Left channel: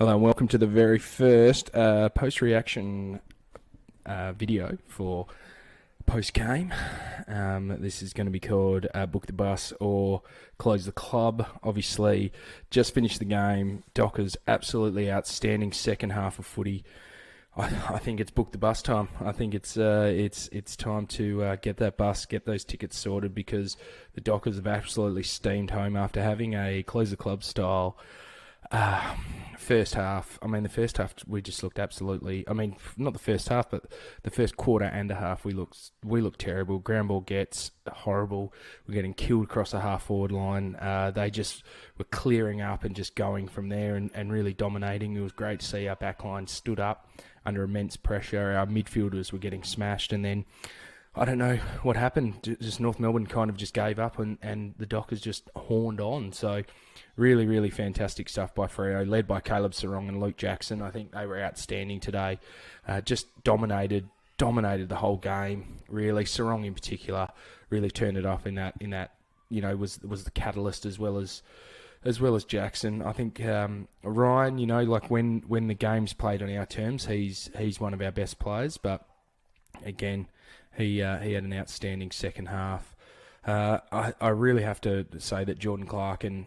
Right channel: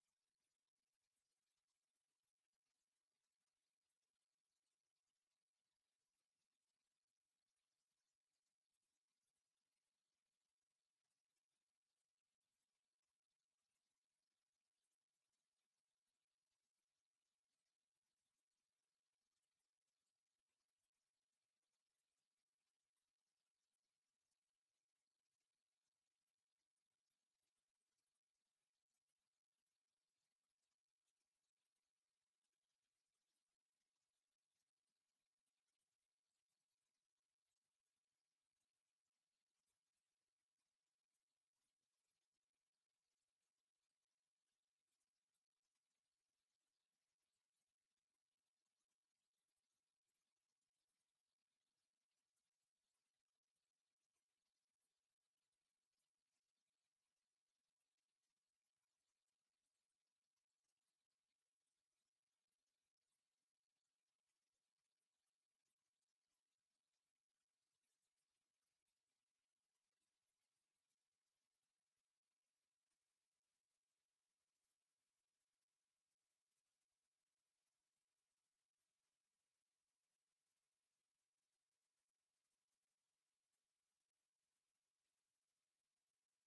Hello and welcome to the very first post-reaction video for post-game. This is going to be called Book the Bus or Close the Club. Obviously, just finished the game. Dockers absolutely outstanding second half of footy. I think it's book the bus time. I think it's time to get that bus, get those tickets sorted, because the Dockers have absolutely steamed home after having a Close the Club style first half. I mean, the first half we just looked absolutely. I mean, not the first half, but the first quarter and a half we looked terrible. Ground ball gets horrible. We're getting killed across the half forward line. They just were clearing up and just going from there and really dominating. It was great to see our back line stood up under immense pressure. Our midfielders were getting smashed, and then I don't know what happened. Just North Melbourne kind of just gave up, and the Dockers just horned on. So really, really fantastic stuff by Freo, led by Caleb Sarong and Luke Jackson. I think they were outstanding today. Just dominated the whole game. Really, Sarong in particular really turned it up in that was the catalyst as well as Jackson. I think Ryan, like when the game's played on our terms, he's one of our best players. But again, he had an outstanding second half. I really have to say that Jordan Clark and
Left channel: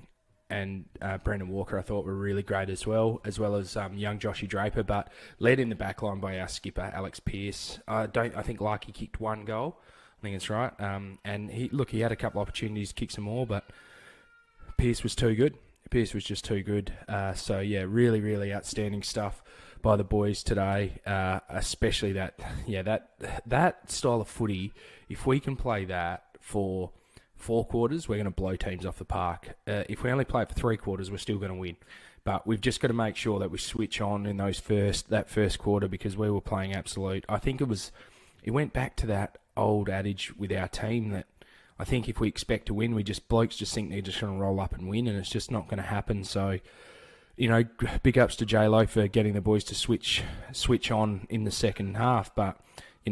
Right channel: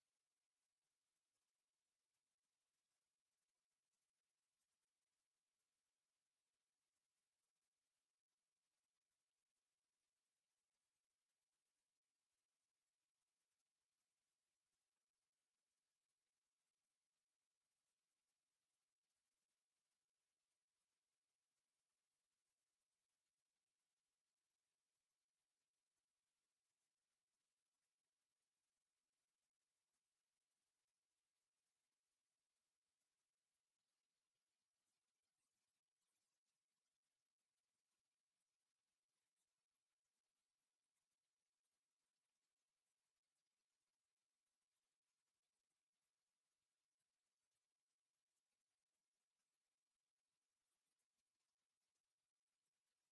Brendan Walker I thought were really great as well as young Joshy Draper, but led in the back line by our skipper Alex Pearce. I think Larky kicked one goal. I think that's right. And he had a couple of opportunities to kick some more, but Pearce was too good. Pearce was just too good. So yeah, really, really outstanding stuff by the boys today. Especially that style of footy. If we can play that for 4 quarters, we're going to blow teams off the park. If we only play it for 3 quarters, we're still going to win. But we've just got to make sure that we switch on in that first quarter, because we were playing absolute. I think it went back to that old adage with our team that I think if we expect to win, blokes just think they're just going to roll up and win, and it's just not going to happen. So, big ups to J-Lo for getting the boys to switch on in the second half. But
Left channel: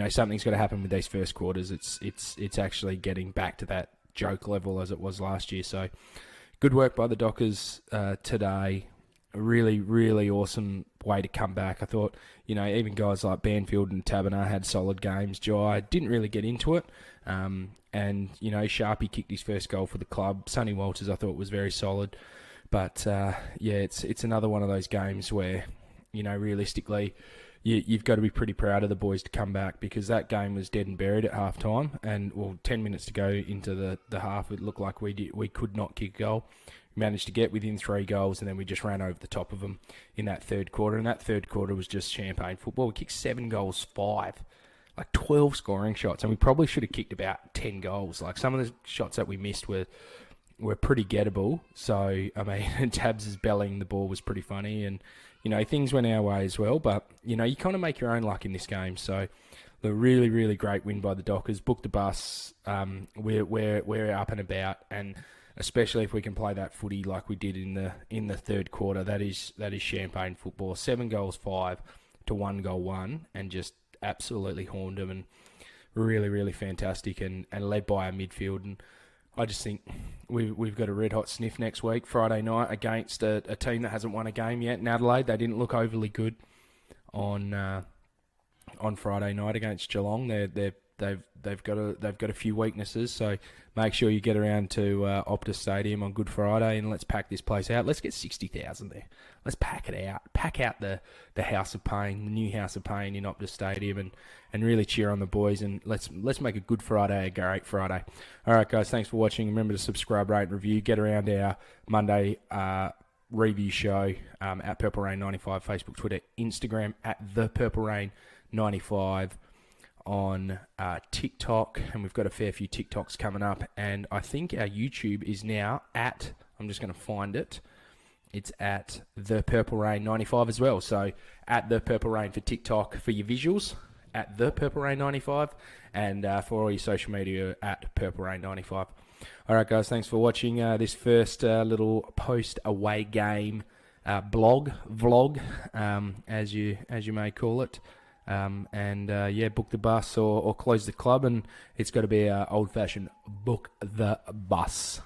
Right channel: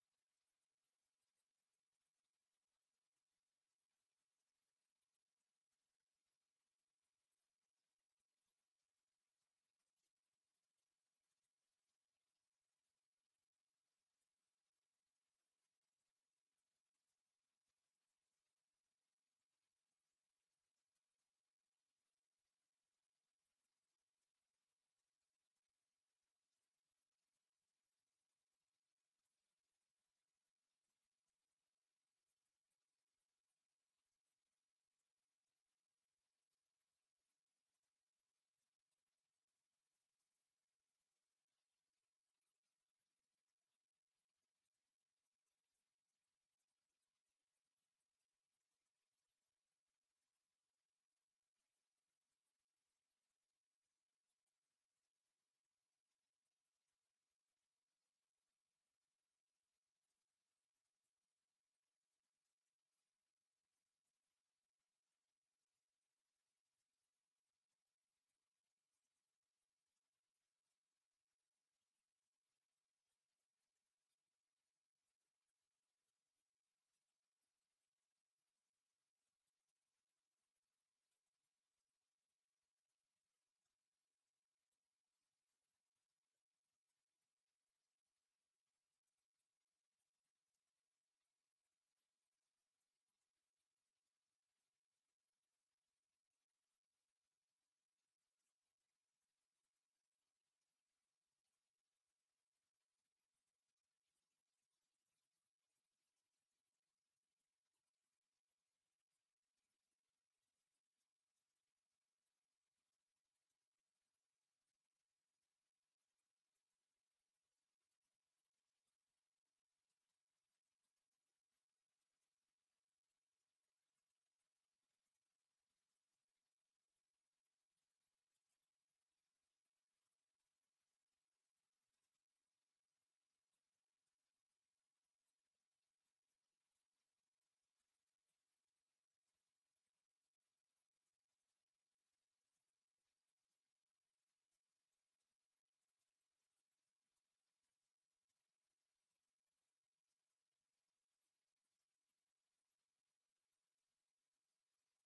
something's got to happen with these first quarters. It's actually getting back to that joke level as it was last year. So, good work by the Dockers today. A really, really awesome way to come back. I thought, even guys like Banfield and Taberner had solid games. Jai didn't really get into it. And Sharpie kicked his first goal for the club. Sonny Walters, I thought, was very solid. But, it's another one of those games where, realistically, you've got to be pretty proud of the boys to come back, because that game was dead and buried at half-time. And, 10 minutes to go into the half, it looked like we could not kick a goal. We managed to get within 3 goals, and then we just ran over the top of them in that third quarter. And that third quarter was just champagne football. We kicked 7 goals, 5. Like 12 scoring shots, and we probably should have kicked about 10 goals. Like some of the shots that we missed were pretty gettable. So, I mean, Tabs' bellying the ball was pretty funny, and, things went our way as well. But, you kind of make your own luck in this game. So, the really, really great win by the Dockers. Book the bus. We're up and about, and especially if we can play that footy like we did in the third quarter, that is champagne football. 7 goals, 5 to 1 goal, 1, and just absolutely horned them, and really, really fantastic, and led by our midfield. And I just think we've got a red hot sniff next week, Friday night, against a team that hasn't won a game yet in Adelaide. They didn't look overly good on Friday night against Geelong. They've got a few weaknesses, so make sure you get around to Optus Stadium on Good Friday, and let's pack this place out. Let's get 60,000 there. Let's pack it out. Pack out the House of Pain, the new House of Pain in Optus Stadium, and really cheer on the boys, and let's make a Good Friday a great Friday. All right, guys, thanks for watching. Remember to subscribe, rate, and review. Get around our Monday review show at Purple Rain 95, Facebook, Twitter, Instagram at The Purple Rain 95. On TikTok, and we've got a fair few TikToks coming up, and I think our YouTube is now at, I'm just going to find it, it's at The Purple Rain 95 as well. So at The Purple Rain for TikTok for your visuals, at The Purple Rain 95, and for all your social media at Purple Rain 95. All right, guys, thanks for watching this first little post-away game vlog, as you may call it. Book the bus or close the club, and it's got to be old-fashioned book the bus.